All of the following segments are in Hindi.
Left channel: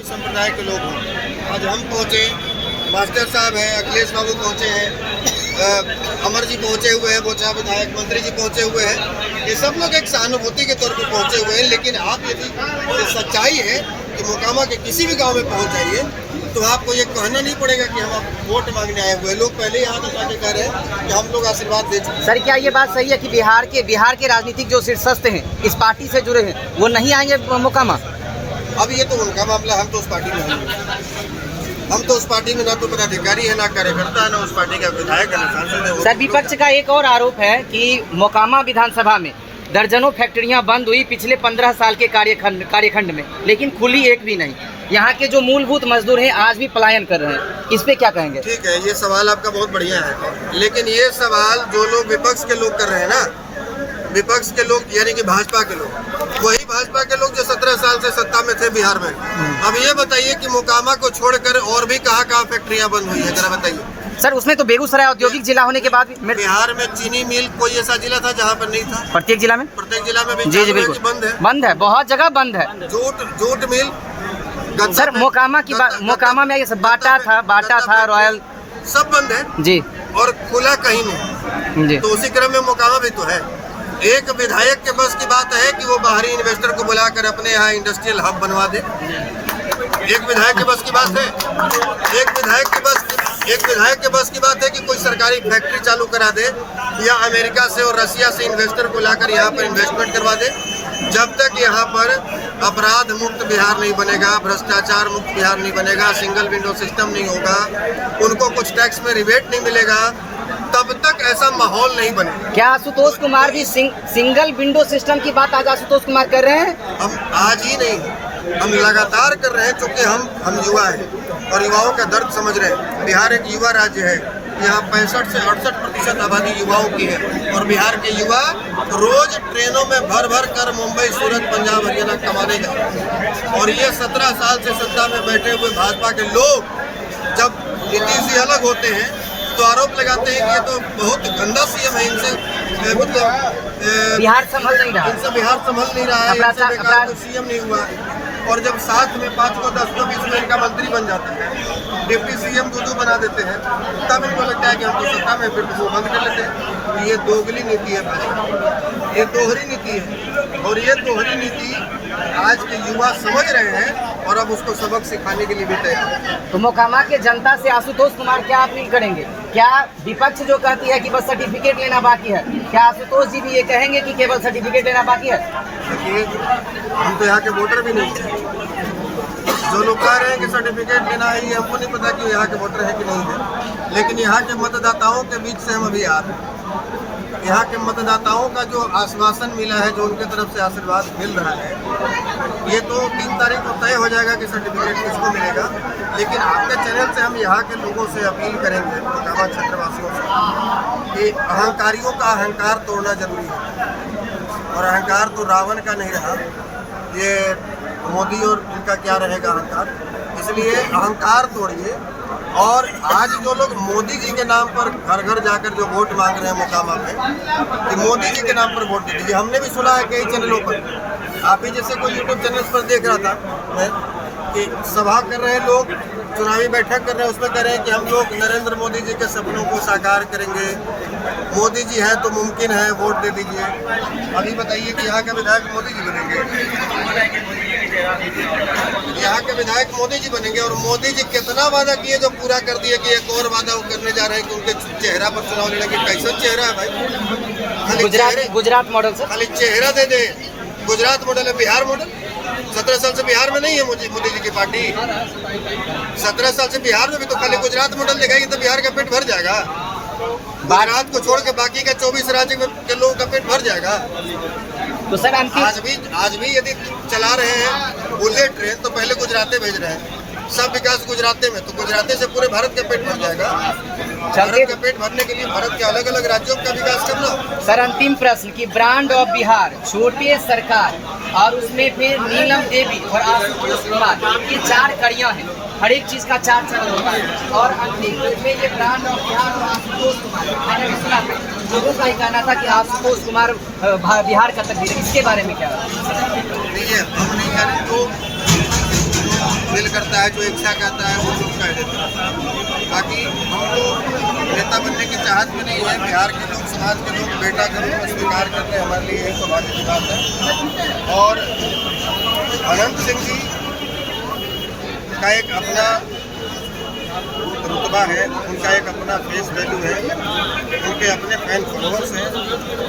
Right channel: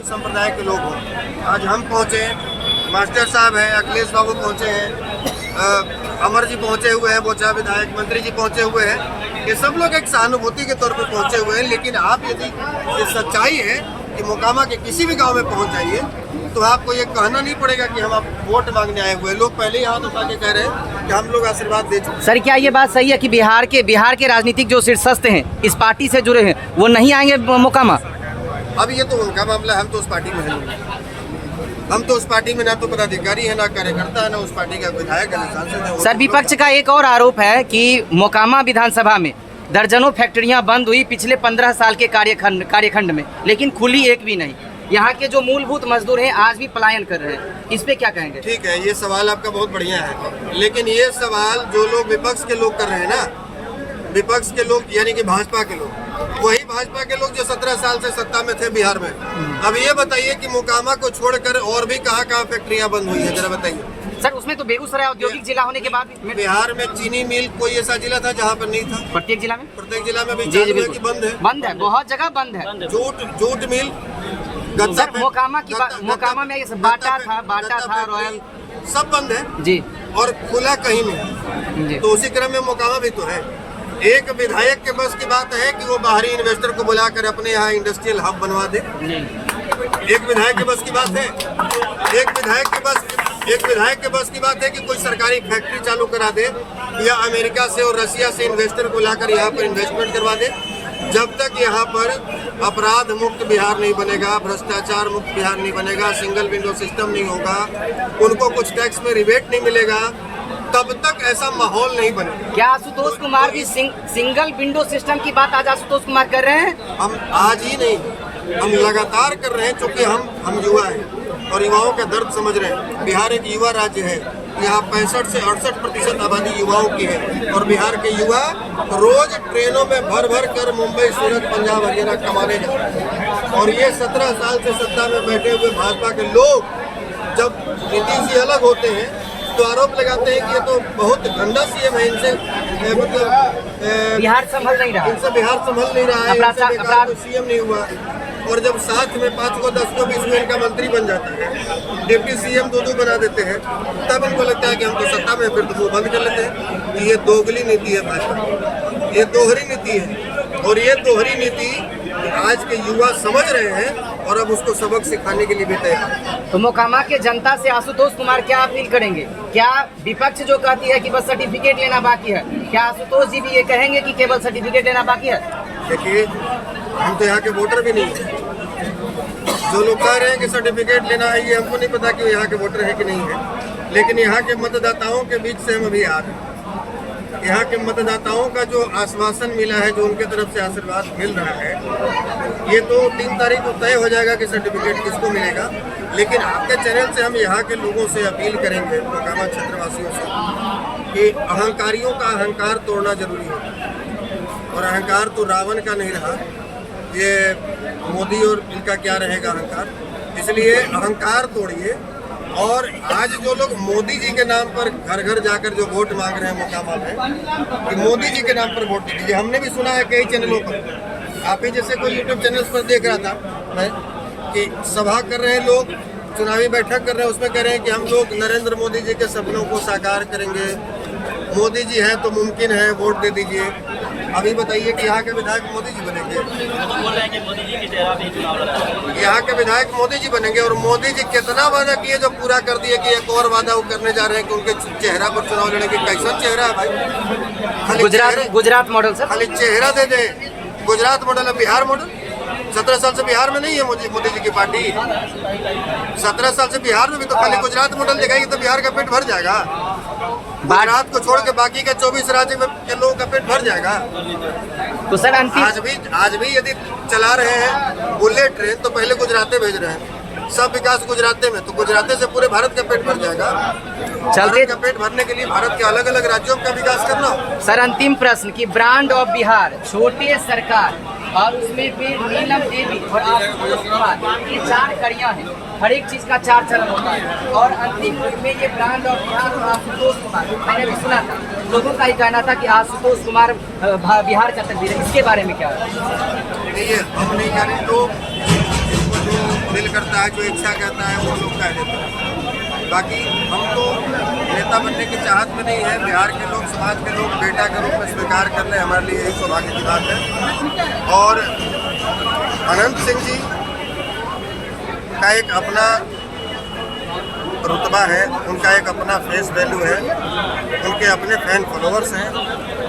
संप्रदाय के लोग हों। आज हम पहुँचे, मास्टर साहब हैं, अखिलेश बाबू पहुँचे हैं, अमर जी पहुँचे हुए हैं, बोचा विधायक मंत्री जी पहुँचे हुए हैं। ये सब लोग एक सहानुभूति के तौर पर पहुँचे हुए हैं। लेकिन आप यदि ये सच्चाई है कि मोकामा के किसी भी गांव में पहुँच जाइए तो आपको ये कहना नहीं पड़ेगा कि हम आप वोट मांगने आए हुए। लोग पहले ही हाथ उठा के कह रहे हैं कि हम लोग आशीर्वाद दे चुके। सर, क्या ये बात सही है कि बिहार के राजनीतिक जो शीर्षस्थ हैं, इस पार्टी से जुड़े हैं, वो नहीं आएंगे मोकामा? अब ये तो उनका मामला है, हम तो उस पार्टी में हैं। हम तो उस पार्टी में ना तो पदाधिकारी है, ना कार्यकर्ता है, ना उस पार्टी का विधायक है, ना सांसद है। सर, विपक्ष का एक और आरोप है कि मोकामा विधानसभा में दर्जनों फैक्ट्रियां बंद हुई पिछले 15 साल के कार्यखंड में, लेकिन खुली एक भी नहीं। यहाँ के जो मूलभूत मजदूर हैं आज भी पलायन कर रहे हैं। इस पे क्या कहेंगे? ठीक है, ये सवाल आपका बहुत बढ़िया है, लेकिन ये सवाल जो लोग विपक्ष के लोग कर रहे हैं ना, विपक्ष के लोग यानी कि भाजपा के लोग, वही भाजपा के लोग जो 17 साल से सत्ता में थे बिहार में। अब ये बताइए कि मोकामा को छोड़कर और भी कहाँ फैक्ट्रियां बंद हुई है, जरा बताइए। सर, उसमें तो बेगूसराय औद्योगिक जिला होने के बाद बिहार में चीनी मिल कोई ऐसा जिला था जहाँ पर नहीं था? प्रत्येक जिला में भी चालू है कि बंद है, बहुत जगह बंद है। जूट मिल सर, मोकामा में ये सब बाटा था, रॉयल सब बंद है जी, और खुला कहीं नहीं जी। तो उसी क्रम में मोकामा भी तो है। एक विधायक के बस की बात है कि वो बाहरी इन्वेस्टर को बुलाकर अपने यहाँ इंडस्ट्रियल हब बनवा दे। एक विधायक के बस की बात है। एक विधायक के बस की बात है कि कोई सरकारी फैक्ट्री चालू करा दे या अमेरिका से और रसिया से इन्वेस्टर को लाकर यहाँ पर इन्वेस्टमेंट करवा दे। जब तक यहाँ पर अपराध मुक्त बिहार नहीं बनेगा, भ्रष्टाचार मुक्त बिहार नहीं बनेगा, सिंगल विंडो सिस्टम नहीं होगा, उनको कुछ टैक्स में रिबेट नहीं मिलेगा, तब तक ऐसा माहौल नहीं बनेगा। क्या आशुतोष कुमार भी सिंगल विंडो सिस्टम की बात आज आशुतोष कुमार कर रहे हैं? हम आज ही नहीं, हम लगातार कर रहे हैं, क्योंकि हम युवा हैं और युवाओं का दर्द समझ रहे हैं। बिहार एक युवा राज्य है, यहाँ 65 से 68% आबादी युवाओं की है और बिहार के युवा रोज ट्रेनों में भर कर मुंबई, सूरत, पंजाब, हरियाणा कमाने जा रहे हैं। और ये 17 साल से सत्ता में बैठे हुए भाजपा के लोग जब नीतीश जी अलग होते हैं तो आरोप लगाते हैं कि ये तो बहुत गंदा सीएम है, इनसे मतलब बिहार संभल नहीं रहा, इनसे बिहार संभल नहीं रहा है, इनसे बेकार सीएम नहीं हुआ। और जब साथ में 5 को 10 को 20 में इनका मंत्री बन जाता है, डिप्टी सीएम 2 बना देते हैं, तब इनको लगता है कि हम तो सत्ता में, फिर तो वो बंद कर लेते हैं। ये दोगली नीति है भाजपा, ये दोहरी नीति है और ये दोहरी नीति आज के युवा समझ रहे हैं और अब उसको सबक सिखाने के लिए भी तैयार है। तो मोकामा के जनता से आशुतोष कुमार क्या अपील करेंगे? क्या विपक्ष जो कहती है कि बस सर्टिफिकेट लेना बाकी है, क्या आशुतोष जी भी ये कहेंगे कि केवल सर्टिफिकेट लेना बाकी है? देखिए, हम तो यहाँ के वोटर भी नहीं हैं। जो लोग कह रहे हैं कि सर्टिफिकेट लेना है, ये हमको नहीं पता कि यहाँ के वोटर है कि नहीं है, लेकिन यहाँ के मतदाताओं के बीच से हम अभी आ रहे हैं। यहाँ के मतदाताओं का जो आश्वासन मिला है, जो उनके तरफ से आशीर्वाद मिल रहा है, ये तो 3 तारीख को तय हो जाएगा कि सर्टिफिकेट किसको मिलेगा। लेकिन आपके चैनल से हम यहाँ के लोगों से अपील करेंगे, मोकामा क्षेत्रवासियों से, कि अहंकारियों का अहंकार तोड़ना जरूरी है। और अहंकार तो रावण का नहीं रहा, ये मोदी और इनका क्या रहेगा अहंकार। इसलिए अहंकार तोड़िए। और आज जो लोग मोदी जी के नाम पर घर घर जाकर जो वोट मांग रहे हैं मोकामा में, कि मोदी जी के नाम पर वोट दीजिए। हमने भी सुना है कई चैनलों पर, आप ही जैसे कोई यूट्यूब चैनल्स पर देख रहा था मैं कि सभा कर रहे हैं लोग, चुनावी बैठक कर रहे हैं, उसमें कह रहे हैं कि हम लोग नरेंद्र मोदी जी के सपनों को साकार करेंगे, मोदी जी हैं तो मुमकिन है, वोट दे दीजिए। अभी बताइए कि यहाँ के विधायक मोदी जी बनेंगे? यहाँ के विधायक मोदी जी बनेंगे और मोदी जी कितना वादा किए जो पूरा कर दिए कि एक और वादा वो करने जा रहे हैं कि उनके चेहरा पर चुनाव लड़ने की। कैसा चेहरा है भाई? खाली गुजरात मॉडल सर, खाली चेहरा दे दे। गुजरात मॉडल है, बिहार मॉडल? 17 साल से बिहार में नहीं है मोदी जी की पार्टी। 17 साल से बिहार में भी तो खाली गुजरात मॉडल दिखाएगी तो बिहार का पेट भर जाएगा। गुजरात को छोड़ के बाकी का 24 राज्य के लोगों का पेट भर जाएगा। तो सर आज भी यदि चला रहे हैं बुलेट ट्रेन तो पहले गुजराते भेज रहे हैं, सब विकास गुजराते में, तो गुजराते से पूरे भारत का पेट भर जाएगा। भारत का पेट भरने के लिए भारत के अलग अलग राज्यों का विकास करना हो। सर, अंतिम प्रश्न कि ब्रांड ऑफ बिहार, छोटे सरकार और उसमें फिर नीलम देवी और आशुतोष कुमार, ये 4 कड़ियाँ हैं, हर एक चीज का 4 चरण होता है और अंतिम में ये ब्रांड ऑफ बिहार और आशुतोष कुमार, मैंने भी सुना था, लोगों का ही कहना था कि आशुतोष कुमार बिहार का तकदीर है। इसके बारे में क्या है? नहीं है, हम नहीं कह रहे, तो दिल करता है, जो इच्छा कहता है वो लोग कह देते हैं। बाकी हम तो नेता बनने की चाहत में नहीं है। बिहार के लोग, समाज के लोग बेटा के रूप में स्वीकार कर लें, हमारे लिए यही सौभाग्य की बात है। और अनंत सिंह जी का एक अपना रुतबा है, उनका एक अपना फेस वैल्यू है, उनके अपने फैन फॉलोअर्स हैं।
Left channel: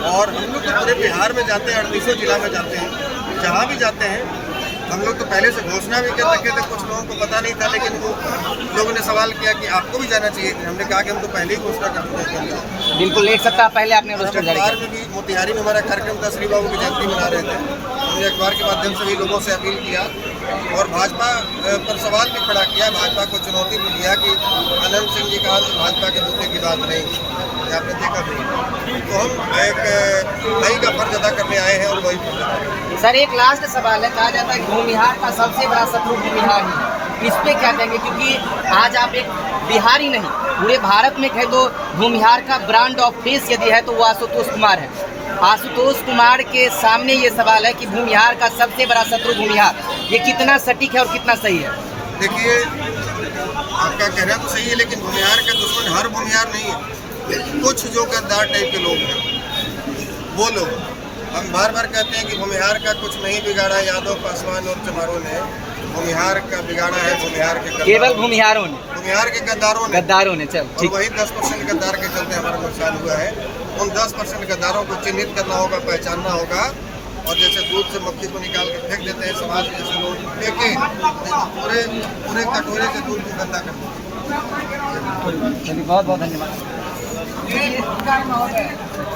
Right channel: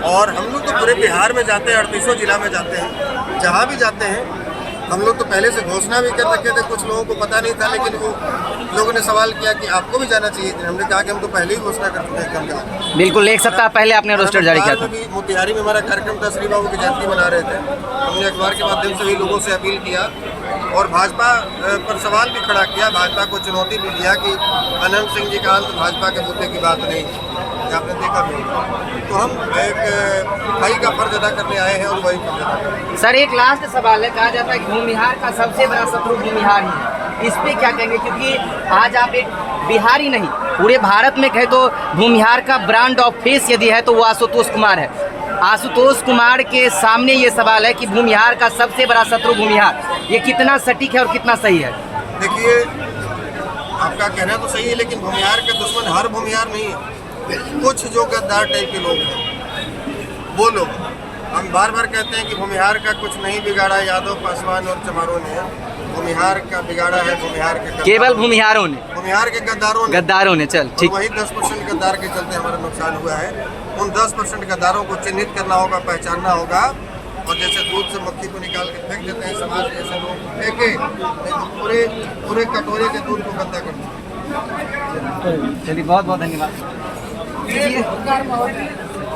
और हम लोग तो पूरे बिहार में जाते हैं, 38 जिला में जाते हैं, जहाँ भी जाते हैं हम लोग तो पहले से घोषणा भी कर रखे थे। कुछ लोगों को पता नहीं था, लेकिन वो लोगों ने सवाल किया कि आपको भी जाना चाहिए। हमने कहा कि हम तो पहले ही घोषणा कर चुके हैं कि हम जाएंगे। बिल्कुल, एक सप्ताह पहले आपने रोस्टर जारी किया था। में भी मोतिहारी में हमारा कार्यक्रम था, श्री बाबू की जयंती मना रहे थे। हमने अखबार के माध्यम से भी लोगों से अपील किया और भाजपा पर सवाल भी खड़ा किया, भाजपा को चुनौती भी दिया कि अनंत सिंह जी का अंत भाजपा के मुद्दे की बात नहीं, आपने देखा भी। तो हम एक भाई का फर्ज अदा करने आए हैं और वही फर्ज अदा करेंगे। सर, एक लास्ट सवाल है। कहा जाता है कि भूमिहार का सबसे बड़ा शत्रु भूमिहार ही है। इस पे क्या कहेंगे? क्योंकि आज आप एक बिहारी नहीं, पूरे भारत में कहे तो भूमिहार का ब्रांड ऑफ फेस यदि है तो वो आशुतोष कुमार है। आशुतोष कुमार के सामने ये सवाल है कि भूमिहार का सबसे बड़ा शत्रु भूमिहार, ये कितना सटीक है और कितना सही है? देखिए, आपका कहना तो सही है, लेकिन भूमिहार के दुश्मन हर भूमिहार नहीं है। कुछ जो गद्दार टाइप के लोग हैं, वो लोग, हम बार बार कहते हैं कि भूमिहार का कुछ नहीं बिगाड़ा यादव, पासवान और चमारों ने, भूमिहार का बिगाड़ा है भूमिहार के केवल भूमिहारों ने, भूमिहार के गद्दारों ने। चल ठीक। वही 10% गद्दार के चलते हमारा नुकसान हुआ है। उन 10% गद्दारों को चिन्हित करना होगा, पहचानना होगा। और जैसे दूध से मक्खी को निकाल के फेंक देते हैं, समाज जैसे लोग फेंके, नहीं तो पूरे कटोरे के दूध को गंदा कर देते हैं। चलिए, बहुत बहुत धन्यवाद।